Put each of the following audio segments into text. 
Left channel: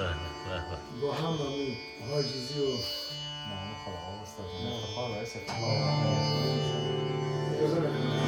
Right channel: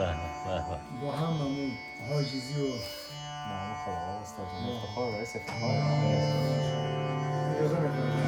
با هم همین حاجزی و نه خدا استاد نه. خدا باعث اجازه نکنید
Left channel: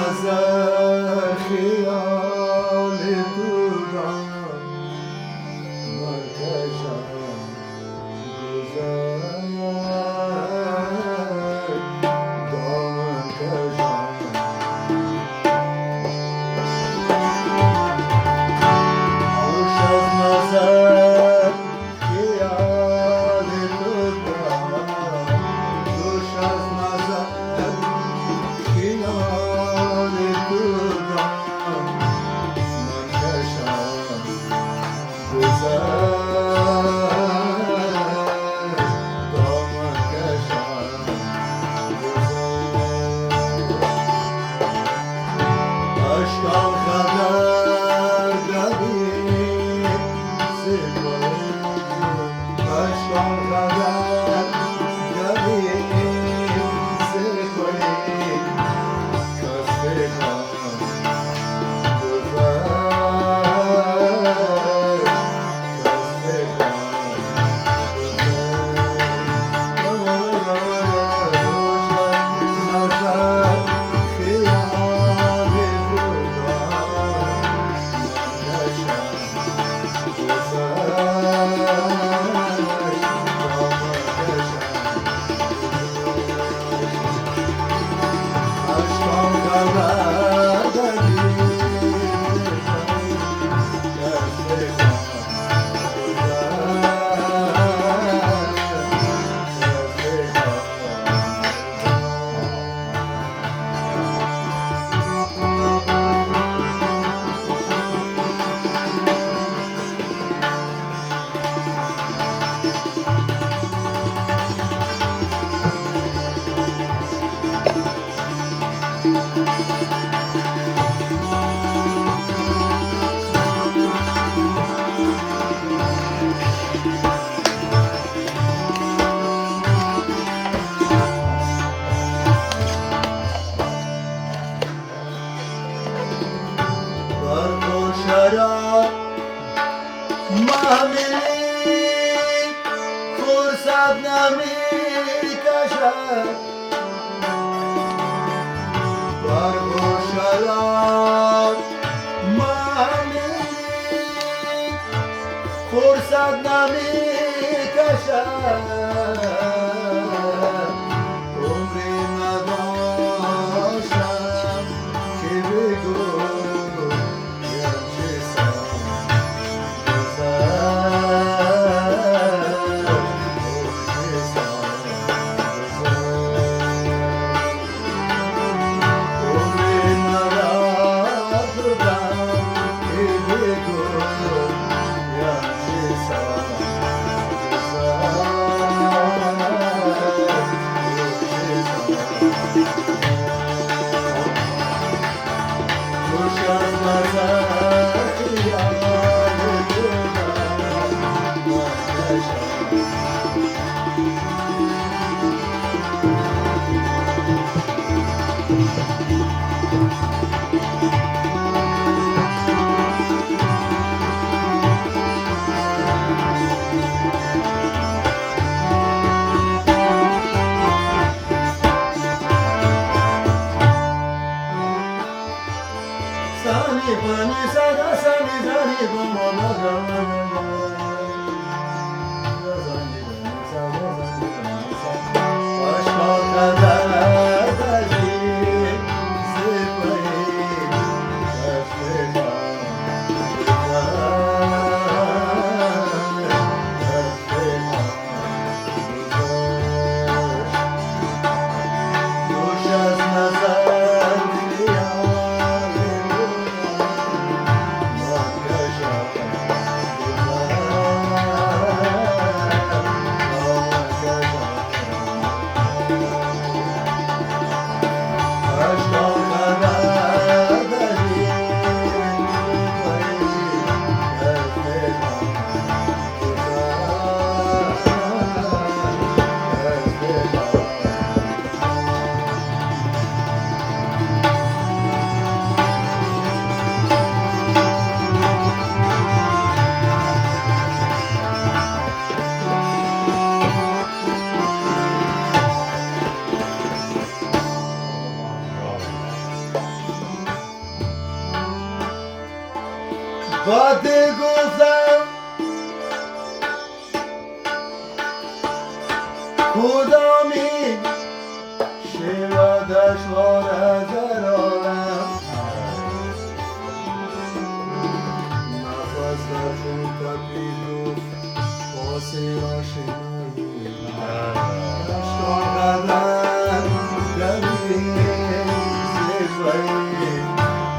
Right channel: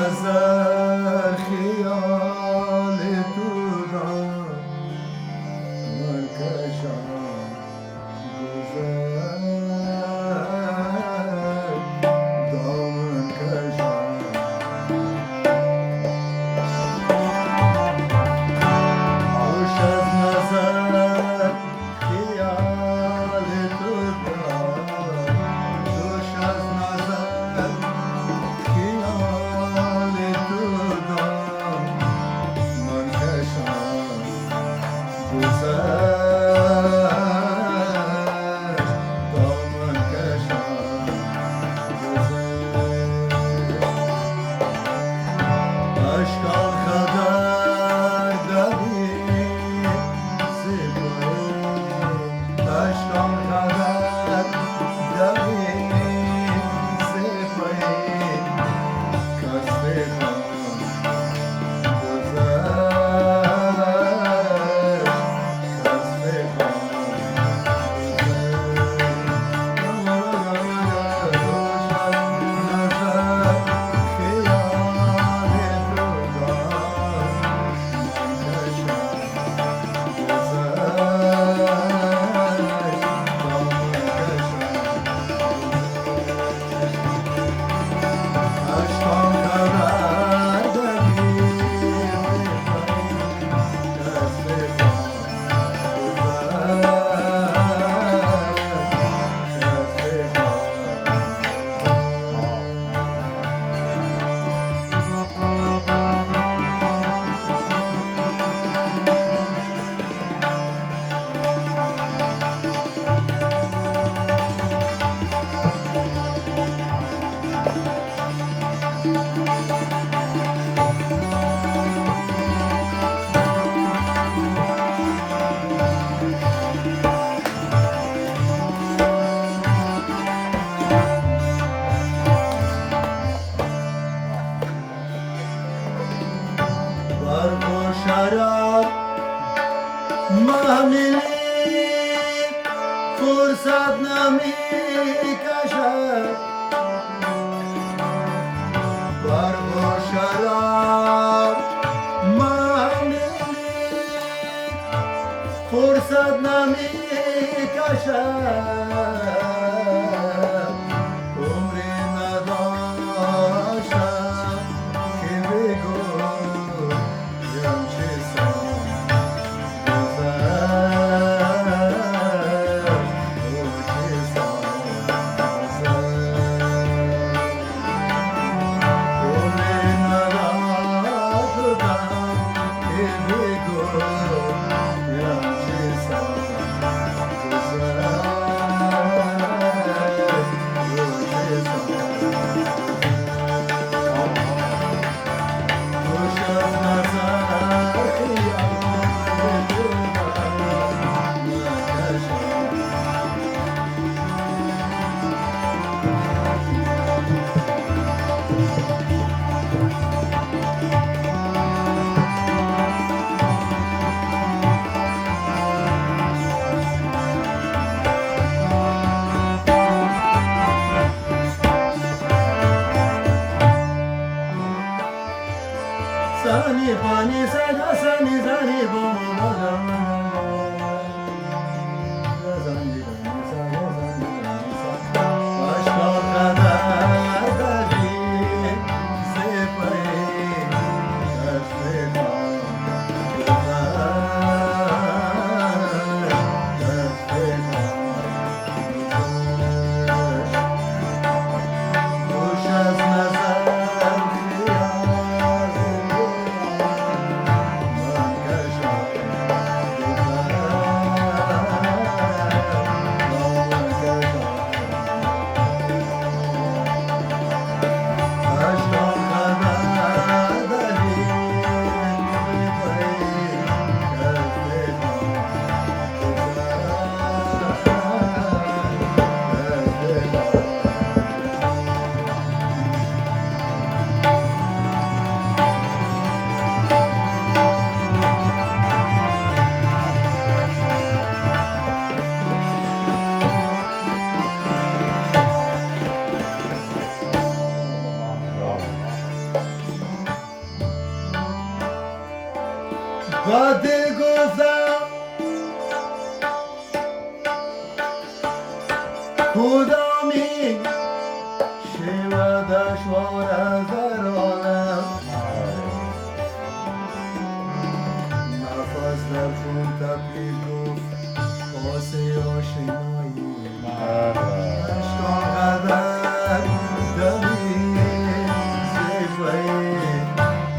نظر خیال تو دارم مرکشم گذر دامن کشم خوش از نظر خیال تو دارم خوش از نظر خیال تو دارم من کشم گذر دامن کشم اشکان خبر داری سپایی اشکان خبر داری سپایی کس بکن گذر کس بکن شراب محملی فرصت نمی کشد برق و شراب محملی فرصت نمی کشد با دل گفتم کدامین شیوه دشوار از عالم نفس در خون تپید گفت پاسی آشنایی عشق قدر دلیل زیبایی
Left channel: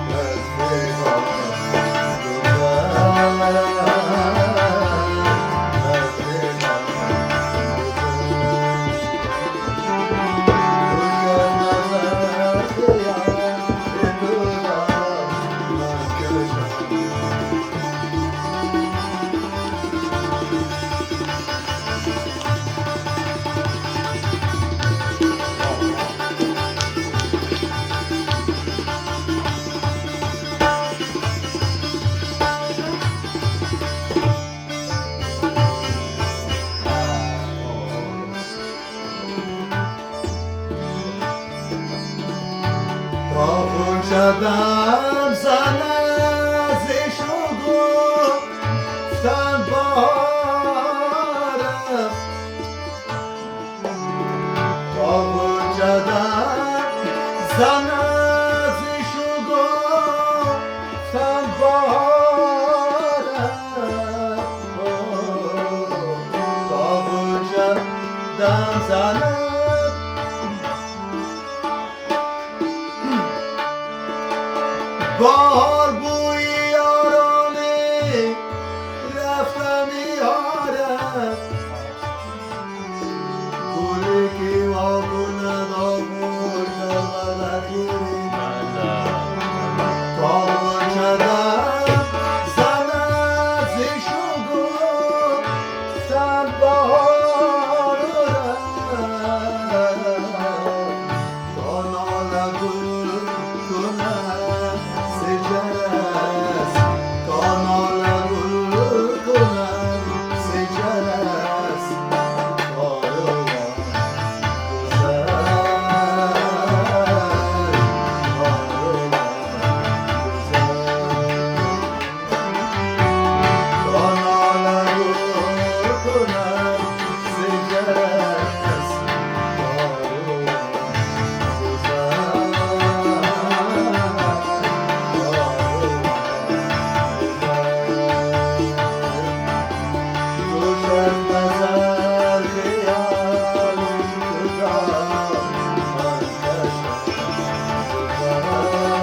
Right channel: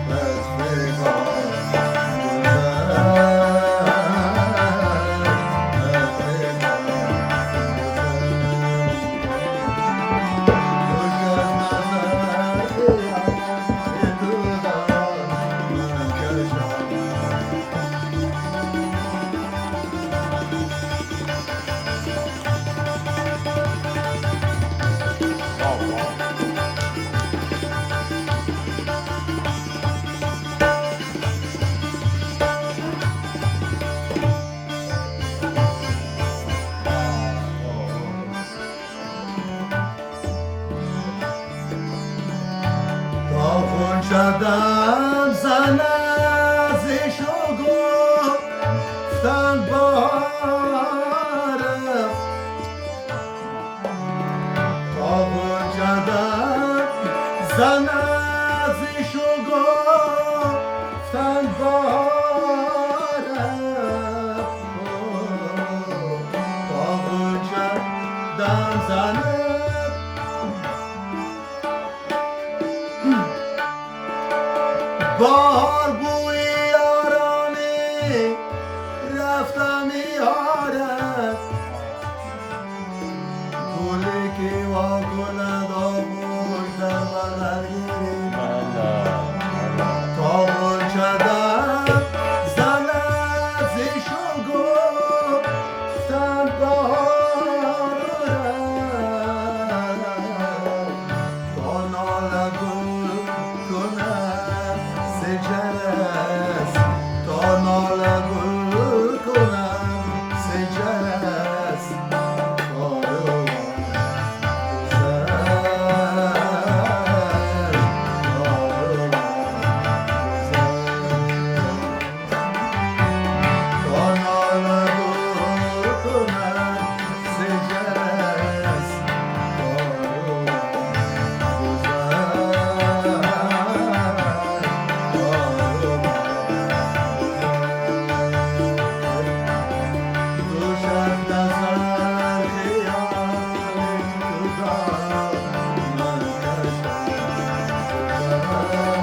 از پیغام شدم زن ازش رو گفتن باره قابل شدم زن ازش رو گفتن باره قابل شدم زن بار بوی یارانه رفتم یارم گلی که وا کند آموش در بدن گیریم قابل شدم زن ازش رو گفتم دارم تا ناله گل کنم سجلس تا ناله گل کنم سجلس کاروان گذر کاروان گذر تا ناله گل کنم سجلس کاروان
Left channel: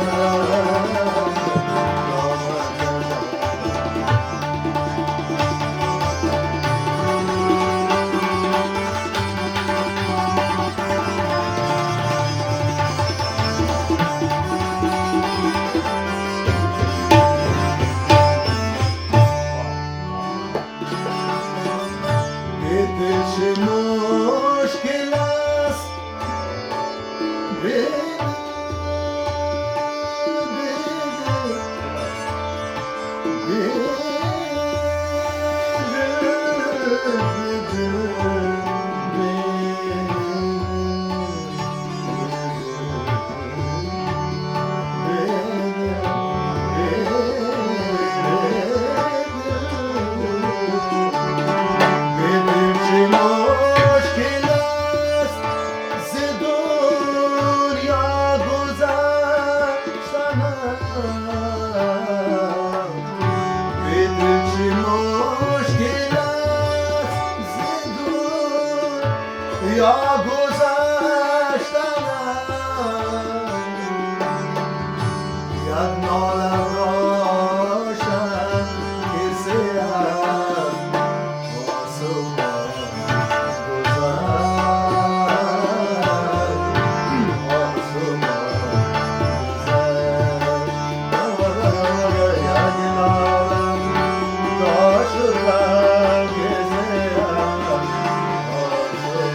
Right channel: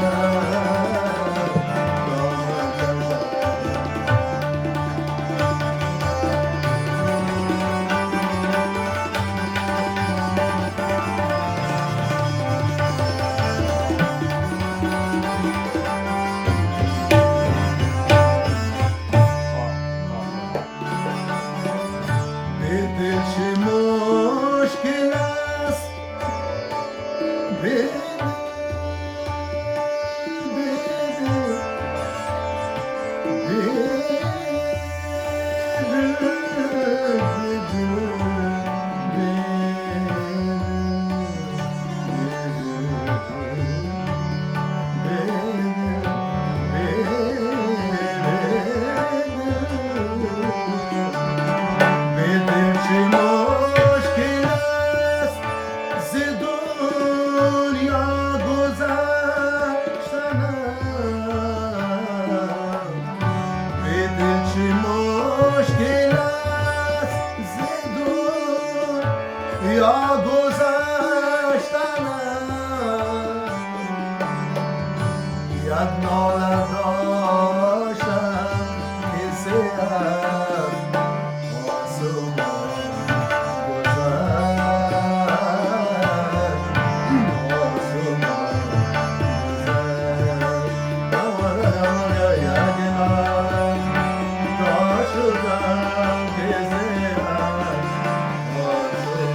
چه مشکل است یا گذشتنم یک ناله روشن که سیرم آسمان گذر آسمان گذر یک ناله روشن که سیرم آسمان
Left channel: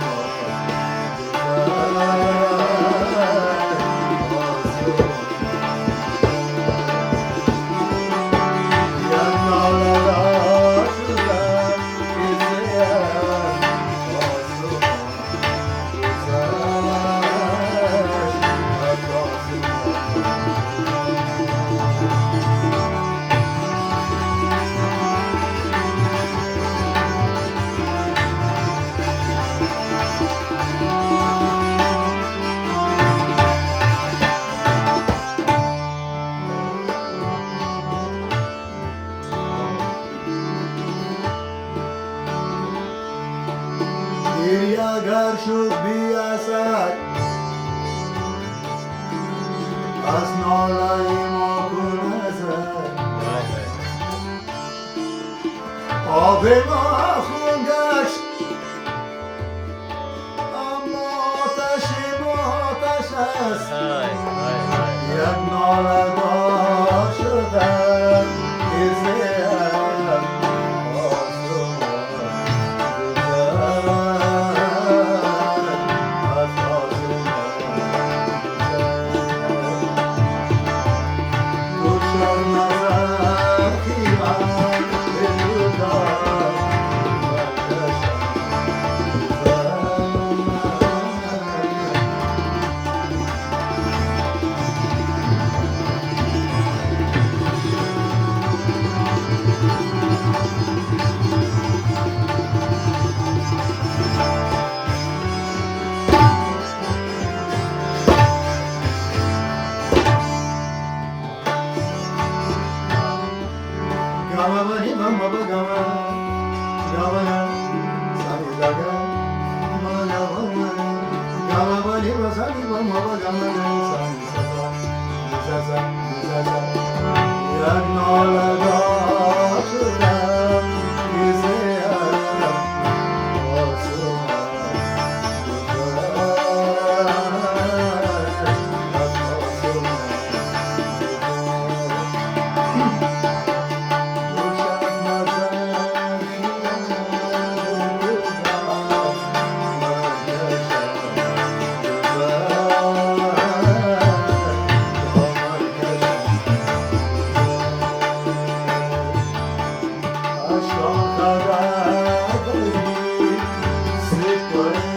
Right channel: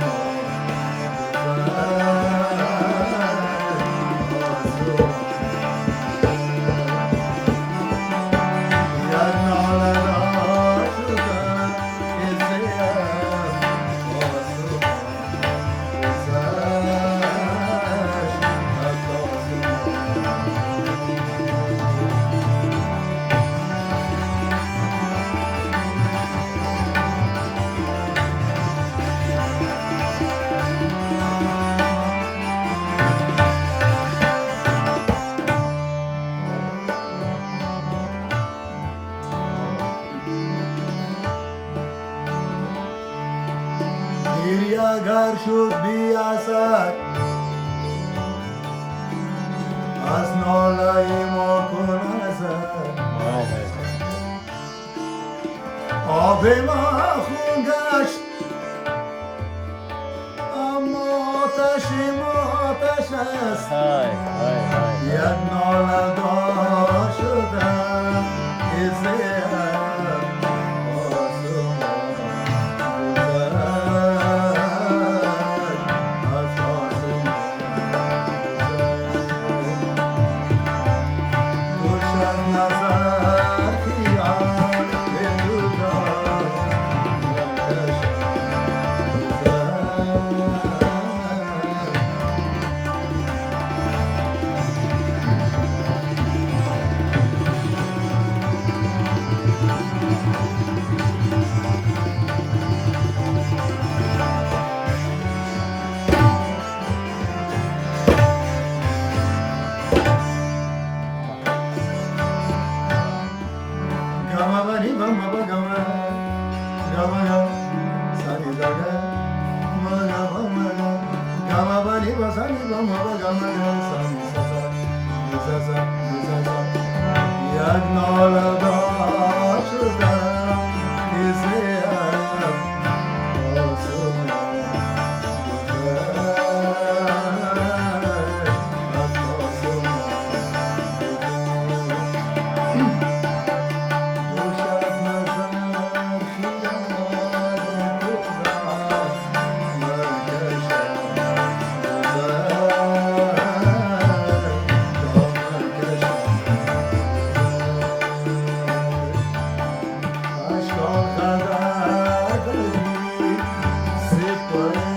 اگر شد بی اثر از ناله ما کن اثر آب ما خون گشت اما آتش ما آتش است یک ناله دار شدم که زیم آسمان گذر از آسمان گذر گوشم نظر خیال به روزار Gama bani bama ba gama gama sani daga mala bama gama bani ba sani bama ba gama sani sasa sasa sasa ya nala da shuda kise Aşk o kadar değil, sık